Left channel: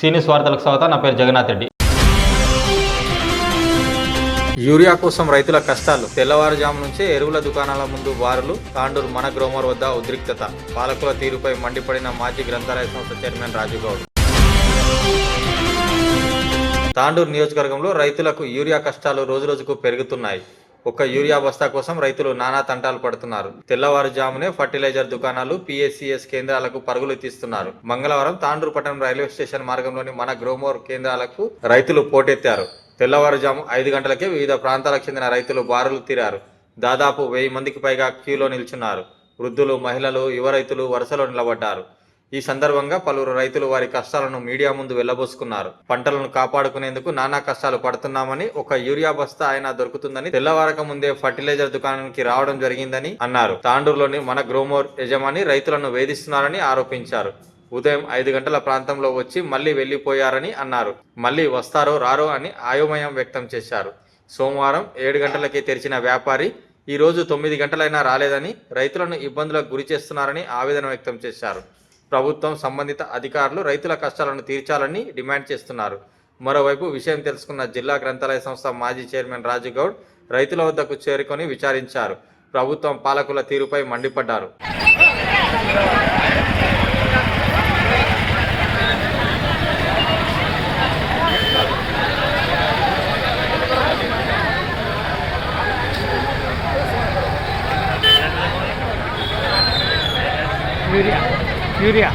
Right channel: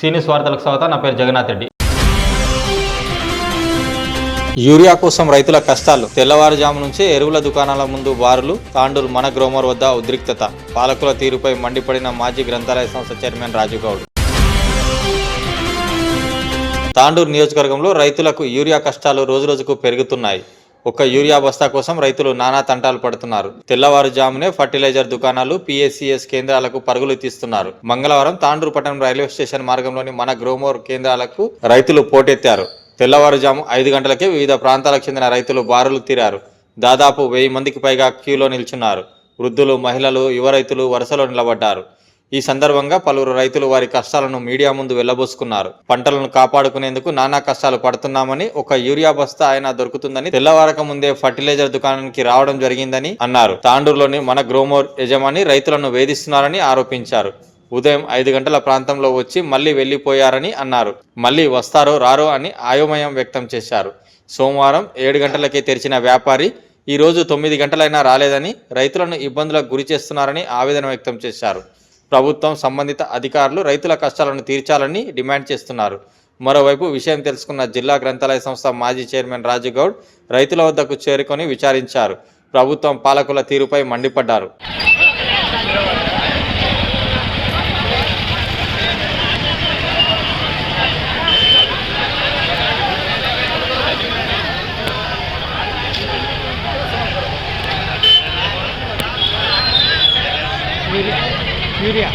సీనియస్ వార్తలకు స్వాగతం. నా పేరు జగన్నాథ్ రెడ్డి. యూరియా కోసం రైతుల కష్టాలు. తెల్లవారుజాము నుంచే ఎరువుల దుకాణాల ముందు బారులు. తాండూరు మన గ్రోమర్ వద్ద ఉద్రిక్తత. పాలకుల తీరుపై మండిపడిన మాజీ గ్రంథాలయ సంస్థ చైర్మన్ రాజుగౌడ్. తాండూరు నియోజకవర్గంలో రైతులకు యూరియా కష్టాలు రోజురోజుకు పెరుగుతున్నాయి. ఒక్క యూరియా బస్తా కోసం రైతులు నానా తంటాలు పడుతున్నారు. తెల్లవారుజామునే ఫర్టిలైజర్ దుకాణాలు, పిఎస్సిఎస్ కేంద్రాలకు పరుగులు తీస్తున్నారు. మంగళవారం తాండూరు పట్టణం రైల్వే స్టేషన్ మార్గంలోని మన గ్రోమోర్ కేంద్రాలకు రైతులు పోటెత్తారు. తెల్లవారుజాము 5 గంటలకే వివిధ ప్రాంతాలకు చెందిన రైతులు బారులు తీరారు. దాదాపు 1000 మందికి పైగా క్యూలో నిల్చున్నారు. వృద్ధులు, మహిళలు, యువ రైతులు వరుసలో నిలబడ్డారు. ఈ సందర్భంగా పలువురు రైతులు వారి కష్టాలను మీడియా ముందు వెళ్లబోసుకున్నారు. పంటలను కాపాడుకునేందుకు నానా కష్టాలు పడుతున్నామని, ఒక యూరియా బస్తా అయినా దొరుకుతుందని తెల్లవారక ముందే ఫర్టిలైజర్ దుకాణానికి రావడం జరిగిందని అన్నారు. తాండూరులోని మన గ్రోమోర్ యజమాని రైతులను వేధిస్తున్నారని ఆరోపించారు. ఉదయం 5 గంటల ప్రాంతంలో వచ్చి మళ్లీ వెళ్లిపోయారని అన్నారు. మళ్లీ వస్తారో రారో అని అయోమయం వ్యక్తం చేశారు. సోమవారం 7 గంటలకే తెరిచిన వ్యాపారి ఈ రోజు 9 గంటలైనా రాలేదని, రైతులను ఇబ్బందులకు గురి చేస్తున్నారని ఆవేదన వ్యక్తం చేశారు. ప్రభుత్వం, సంబంధిత అధికారులు రైతుల కష్టాలను తీర్చాలని డిమాండ్ చేస్తున్నారు. మరోవైపు విషయం తెలుసుకున్న జిల్లా గ్రంథాలయ సంస్థ మాజీ చైర్మన్ రాజుగౌడ్ రైతుల వద్దకు చేరుకొని విచారించారు. ప్రభుత్వం, పాలకుల తీరుపై మండిపడ్డారు. యూరియా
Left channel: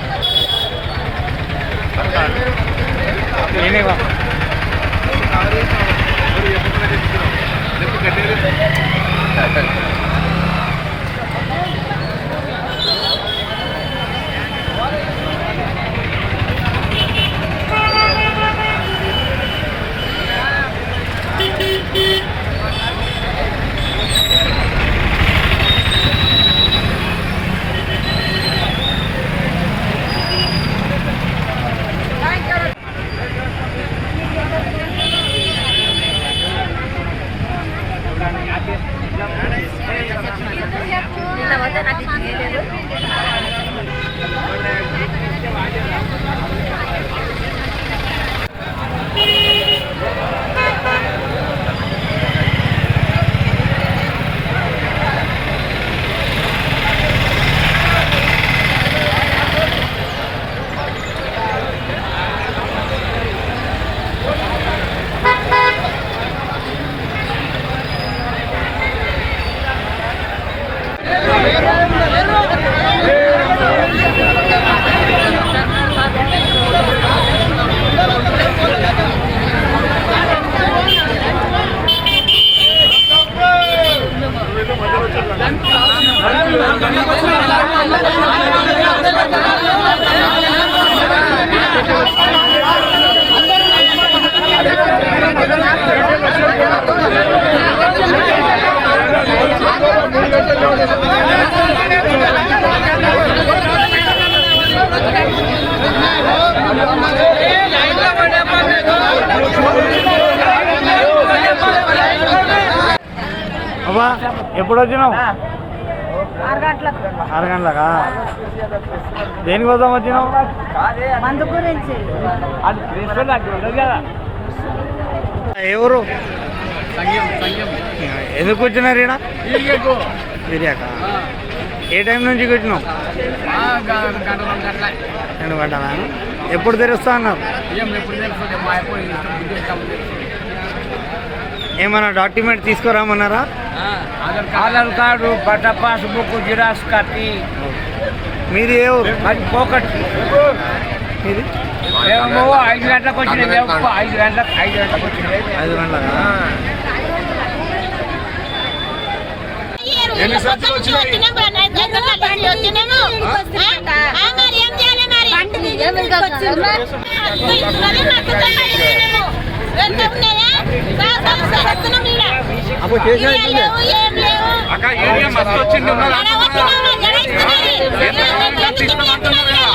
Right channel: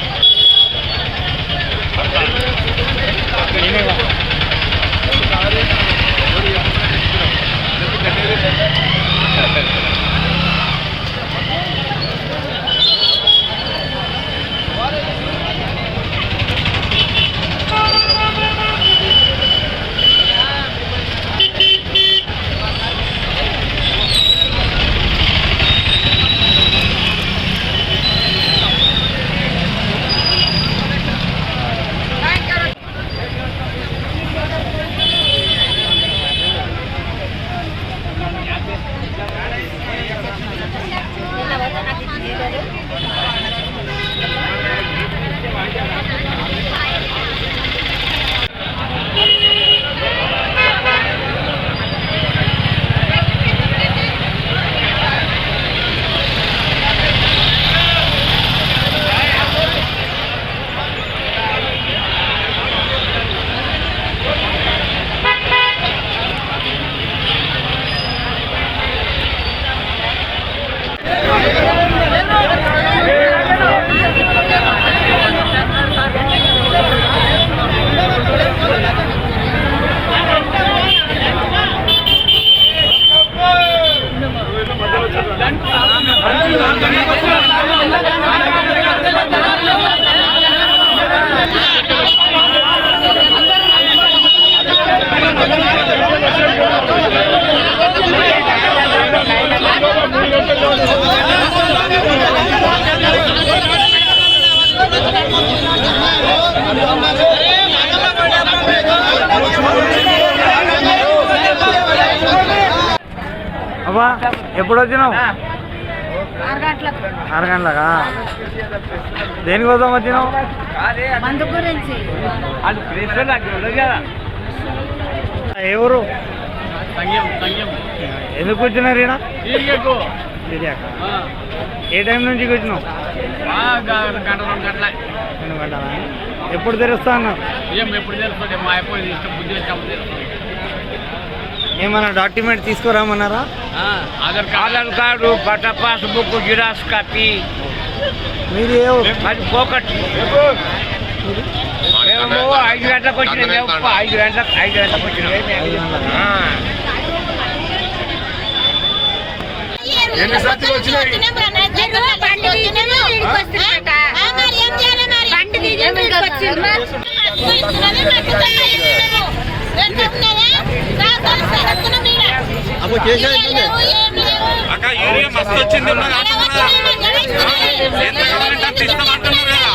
అబ్బా, ఎప్పుడు వచ్చినావు? 6 గంటలకా? దేనికోసం వచ్చినావు? మందు గురించి. ఎవరు? ఎందుకు వచ్చినారు ఈడ? యూరియాకా? ఏ టైం నుంచి వచ్చినావు? 2 గంటల. 2 గంటలా? ఎప్పుడు తెరుస్తా అన్నారు? ఎప్పుడు తెలుస్తుంది? మా అయిపోయింది ఇష్టం, బుద్ధి వచ్చాము తెలుస్తుంది. ఏమన్నా డాక్యుమెంట్ తీసుకురామన్నారా? ఆధార్ కార్డు, పట్ట పాస్బుక్, జిరాక్స్ కాపీ. మీరు ఏ ఊరు? అది పోకట్. మీరు 5 గంటలకు వచ్చిన. 5 గంటలకు వచ్చిన. 5 గంటలకా? అక్క యూరియా మస్తు వచ్చింది. ఎంత కావాలంటే ఇస్తామంటున్నారు కదా.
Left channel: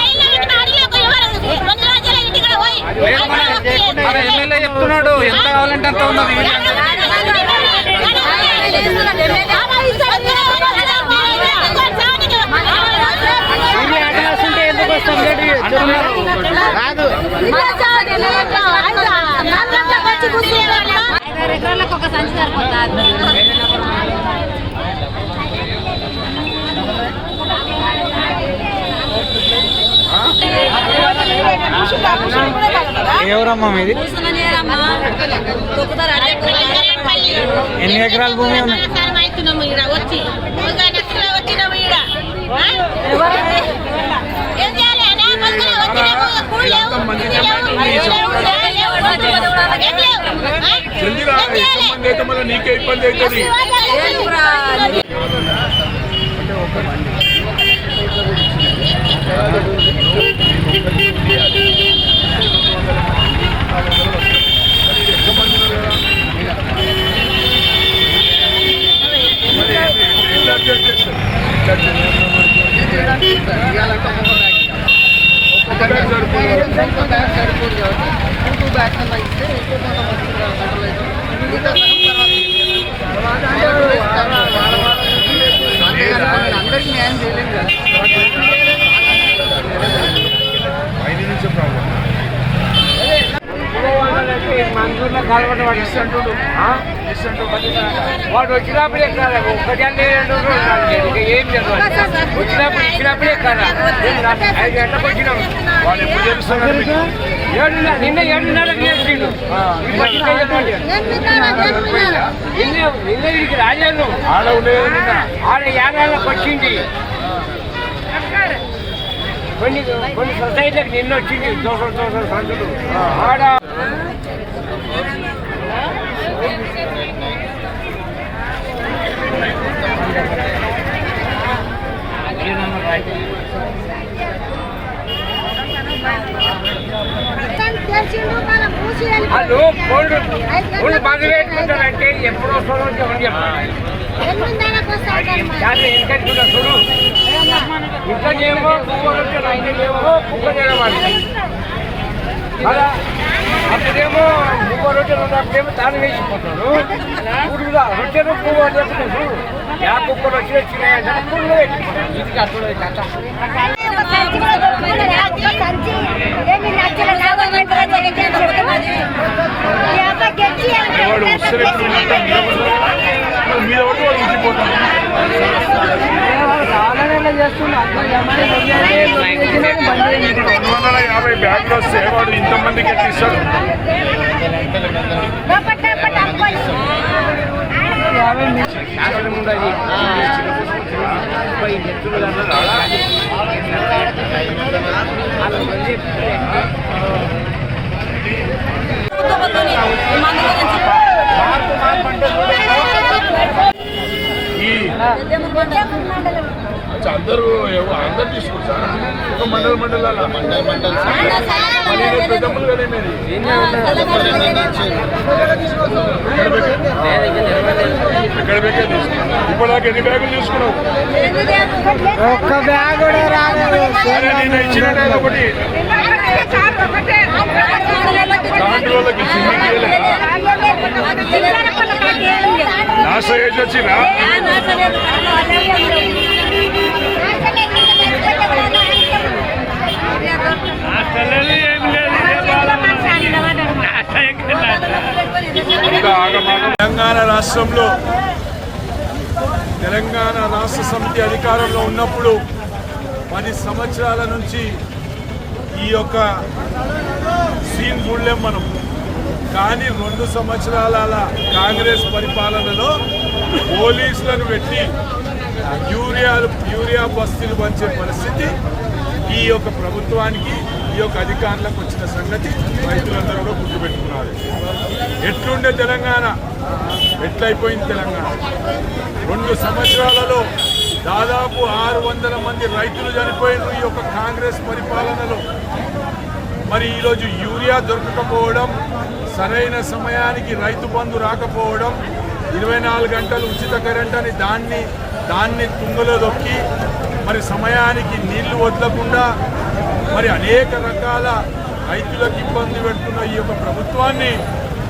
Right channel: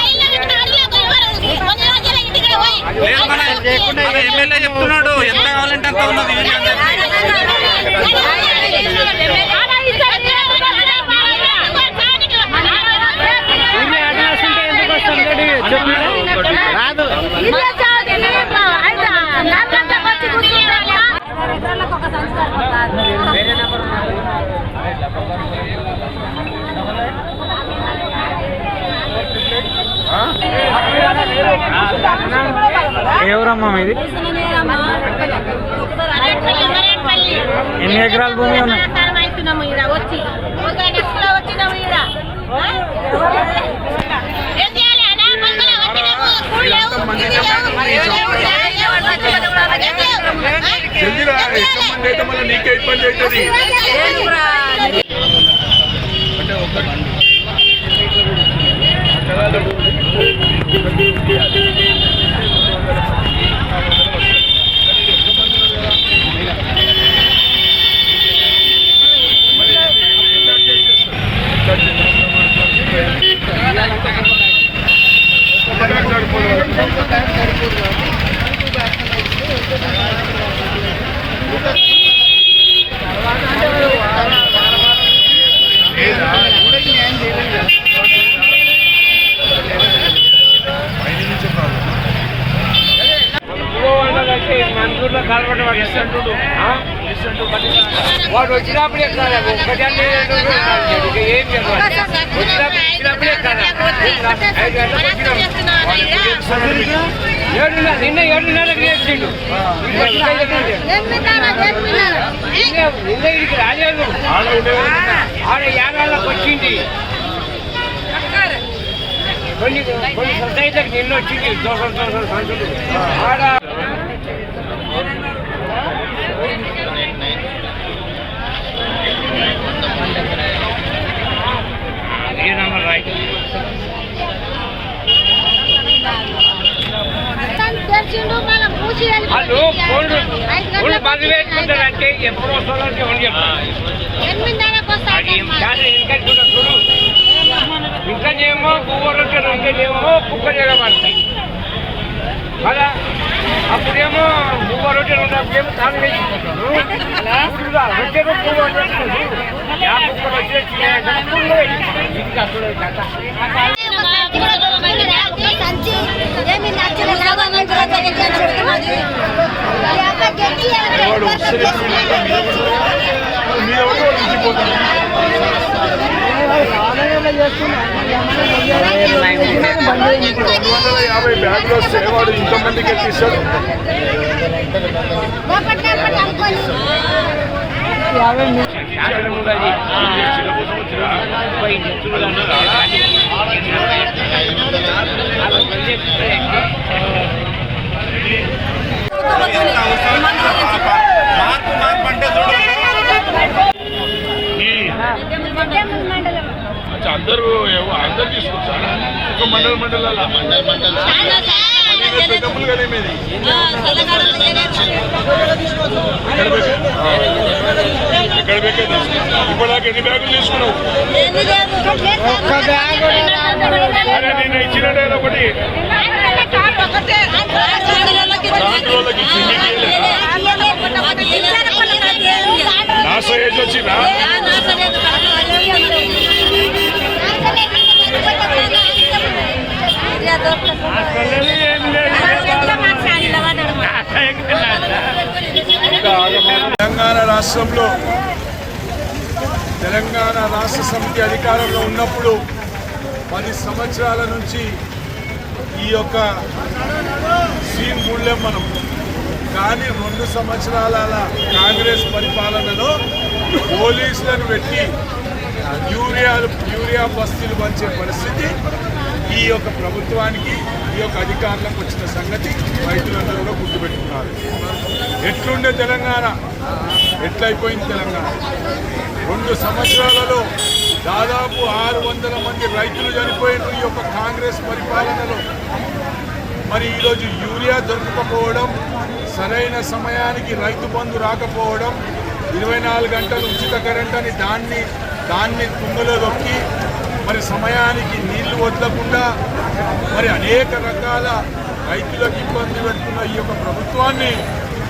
మన ఎమ్మెల్యే చెప్తున్నాడు ఎంత కావాలంటే అంత ఉన్నది యూరియా. ఎందుకు వస్తుంది? వచ్చి కూర్చుంటే ఒక సంచి సరిపోతుంది. ఎవరమ్మా మీది? ఎన్ని ఎకరాల భూమి ఉన్నాయి? వచ్చి వచ్చినాము ఈడ ఏం చేయాలి అన్నా? వచ్చినాము కూల్ లేవు, ఇది లేవు, నీళ్ళు లేవు, ఫ్యాన్ లేవు, బొట్టు లేవు, ఏం లేవు. ఏం చేయాలి? నీకే ఇబ్బంది అవుతుంది. అంటే ఒక అందరికీ న్యాయం చేయలేదు కదా. మందూరులో కలవడం వాడు ఇస్తుంటాడు. వాడు వచ్చినప్పుడే కదా ఒక్కటి ఏం చదవాలి. ఇచ్చినప్పుడే కదా 5 గంటలకు వచ్చినాం. వాళ్ళు ఎప్పుడు తెలుస్తున్నాడు మీకు? 7:30 నిన్న 7:30కి చేసిండు. నిన్న ఇడికి రాలేదు. ఆడ ఉండేది నిన్న. ఆడ 50 వచ్చింది. కొన్ని సొసైటీలకు నిన్న వచ్చింది. దోసలు సంచులు ఆడ నంబర్ రైట్. వాళ్ళు కోల్డ్ బంద్ వేసుకుంటారంటే ఎప్పుడు వస్తుందో ఎందుకంటే చూడు ఇంకా చేయమో పువ్వు రొట్టెలు, ఇంకా చేయమో కుక్క చేయడం అంటే కదా. అప్పుడేమో పువ్వు రొట్టెలు ఉన్నప్పుడేమో తాను వేసుకుంటారు. రొట్టెలు పువ్వు అని చెప్తున్నారు. కుక్కలు వాడు మీద ఉంచిపోతాను. 250 బ్యాగ్లు వస్తే వాడు ఇంతమందికి ఎక్కిస్తాడు. మార్పు అంటే చూడు అందరూ తీసుకుంటారా? ఒక మండలాల డబ్బులు కదా మీది. ఎక్కడ బేకే ఇప్పటిదాకా ఎన్ని బ్యాగులు తీసుకున్నావు? అరే నిన్న ఇచ్చినట్టు ఒకటి దాంట్లో వాళ్ళకి నాశ ఏజ్ వచ్చిరా? తెలంగాణ రాష్ట్రంలో తెలంగాణ రాష్ట్ర సమితి అధికారంలో ఉన్నప్పుడు 10 సంవత్సరాల నుంచి ఈ యొక్క సీన్ చూడలేం మనం. కానీ 2 సంవత్సరాల కాంగ్రెస్ పరిపాలనలో పోలీసులను పెట్టి యూరియా బస్తీలు పంచే పరిస్థితి ఈ యొక్క ప్రభుత్వానికి, ఈ యొక్క అధికారులకు వచ్చిన సంగతి రైతులందరూ కూడా గుర్తుపెట్టుకున్నారు. ఎట్లుండే తెలంగాణ, ఎట్లయిపోయింది తెలంగాణ. 2 సంవత్సరాలలో దాదాపు 600 మంది రైతులు చనిపోయిన ఈ యొక్క కాంగ్రెస్ పరిపాలనలో. మరి ఈరోజు యూరియా దొరకకపోవడం, సరైన సమయానికి రైతు బంధు రాకపోవడం, 24 గంటలు ఉచిత కరెంట్ అని దాన్ని తుంగలో దొక్కి మరి సమయానికి నీళ్లు వదలకుండా మరి అనేక రకాల రైతులకు ఇబ్బంది పెడుతున్న ఈ యొక్క ప్రభుత్వాన్ని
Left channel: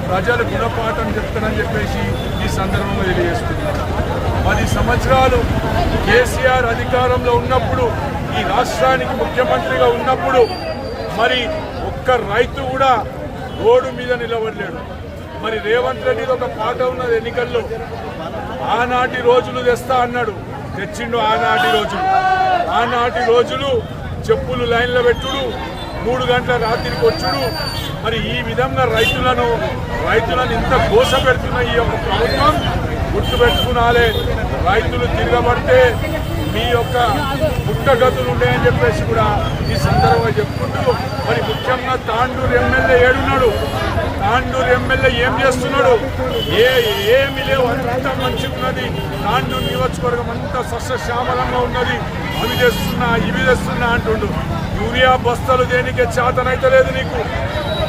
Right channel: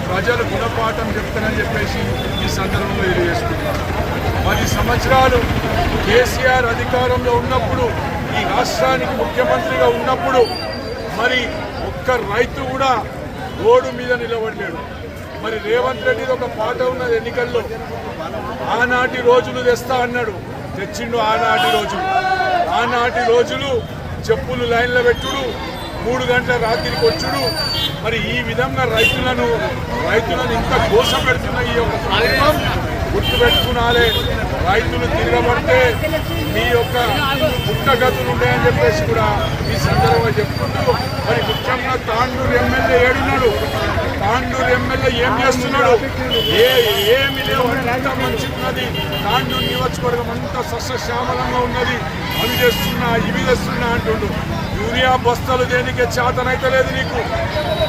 ప్రజలు గుణపాఠం చెప్తారని చెప్పేసి ఈ సందర్భంలో తెలియజేసుకుంటున్నారు. 10 సంవత్సరాలు కేసీఆర్ అధికారంలో ఉన్నప్పుడు, ఈ రాష్ట్రానికి ముఖ్యమంత్రిగా ఉన్నప్పుడు మరి ఒక్క ఒక్క రైతు కూడా రోడ్డు మీద నిలబడలేడు. మరి రేవంత్ రెడ్డి ఒక పాట ఉన్నది ఎన్నికల్లో, ఆనాటి రోజులు తెస్తా అన్నాడు, తెచ్చిండు ఆనాటి రోజులు చెప్పులు లైన్లో పెట్టుడు, 3 గంటల రాత్రికి వచ్చుడు. మరి ఈ విధంగా రైతులను ఇంత గోస పెడుతున్న ఈ యొక్క ప్రభుత్వం గుర్తుపెట్టుకునాలే. రైతులు తిరగబడితే మీ యొక్క పుట్టగతులు ఉన్నాయని చెప్పేసి కూడా ఈ సందర్భంగా చెప్పుకుంటూ, మరి ముఖ్యంగా తాండూరు ఎమ్మెల్యే ఏడున్నాడు, తాండూరు ఎమ్మెల్యే ఏం చేస్తున్నాడు? ఏమి లేవు, అంత మంచిగా ఉన్నది. తాండూరు నియోజకవర్గం అంతా సస్యశ్యామలంగా ఉన్నది. అవి చేస్తున్నా ఇవి చేస్తున్నా అంటుండు. యూరియా బస్తాలు దేనికి చేతనైతే లేదు నీకు,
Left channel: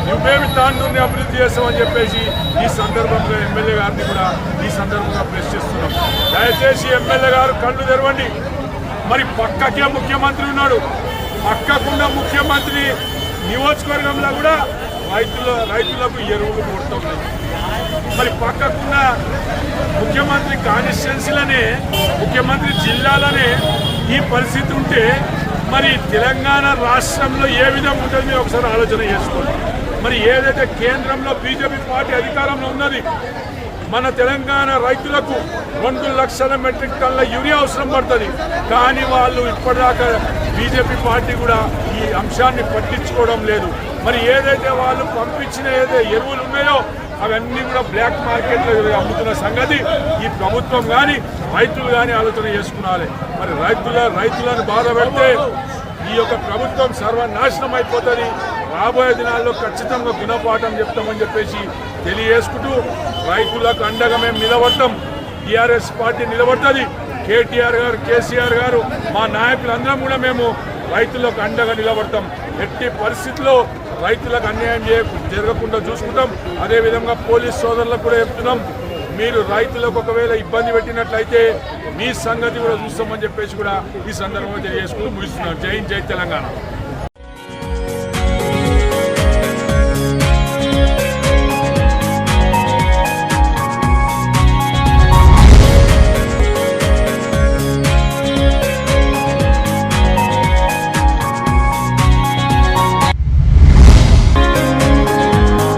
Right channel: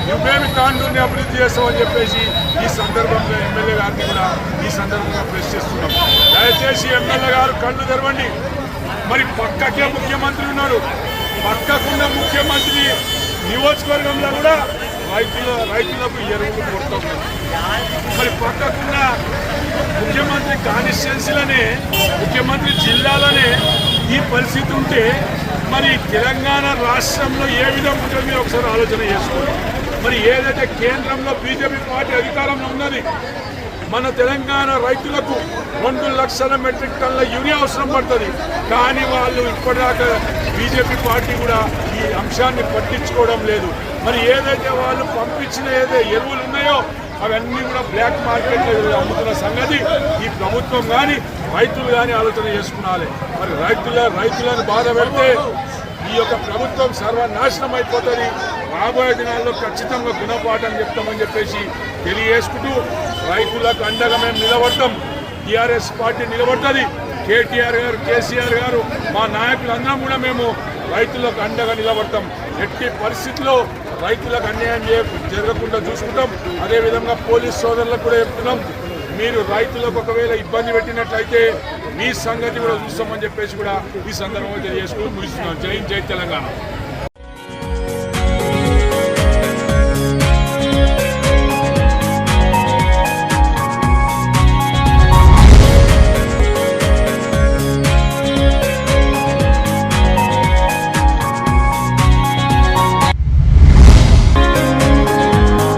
నువ్వేమి తాండూరుని అభివృద్ధి చేస్తావని చెప్పేసి ఈ సందర్భంగా ఎమ్మెల్యే గారిని కూడా ఈ సందర్భంగా ప్రశ్నిస్తున్నాం. దయచేసి ఎమ్మెల్యే గారు కళ్ళు తెరవండి. మరి పక్కకే ముఖ్యమంత్రి ఉన్నాడు, పక్కకున్న ముఖ్యమంత్రి నియోజకవర్గంలో కూడా రైతులకు ఎరువులు కొడుతున్నాయి. మరి పక్కకున్న ముఖ్యమంత్రి కాన్స్టిట్యున్సీలనే, ముఖ్యమంత్రి జిల్లాలనే ఈ పరిస్థితి ఉంటే మరి తెలంగాణ రాష్ట్రంలో ఏ విధంగా ఉంటుంది మీరు ఒకసారి ఆలోచన చేసుకోండి. మరి ఏదైతే కేంద్రంలో బీజేపీ పార్టీ అధికారంలో ఉన్నది, మన తెలంగాణ రైతులకు 2 లక్షల మెట్రిక్ టన్నుల యూరియా అవసరం పడుతుంది. కానీ వాళ్ళు ఇప్పటిదాకా బీజేపీ పార్టీ కూడా ఈ అంశాన్ని పట్టించుకోవడం లేదు. మరి ఏదైతే వాళ్ళు పంపించిన ఏదైతే ఎరువులు ఉన్నాయో అవన్నీ కూడా బ్లాక్ మార్కెట్లో అమ్ముతున్న సంగతి ఈ ప్రభుత్వం కానీ రైతులు కానీ ఆలోచన చేసుకున్నాలి. మరి రైతులను బాధ పెడితే ఈ యొక్క ప్రభుత్వం సర్వనాశనం అయిపోతుంది. రాబోయే దినాల్లో ఖచ్చితంగా గుణపాఠం చెప్తామని చెప్పేసి తెలియజేసుకుంటూ, రైతులకు అండగా మేము నిలబడతాం. టీఆర్ఎస్ పార్టీ నిలబడుతుంది. కేటీఆర్ గారు, కేసీఆర్ గారు, మా నాయకులందరం కూడా మేము రైతులకు అండగా నిలబడతాం. ఎట్టి పరిస్థితుల్లో రైతులకు అన్యాయం జరగకుండా చూసుకుంటాం. అదేవిధంగా పోలీస్ సోదరులకు కూడా చెప్తున్నాం, మీరు రైతులకు ఒకవేళ ఇబ్బంది పెట్టినట్లయితే మీ సంగతి కూడా చూస్తామని చెప్పేసి కూడా ఈ సందర్భంగా తెలియజేసుకుంటూ ముగిస్తున్నాం. జై హింద్, జై తెలంగాణ.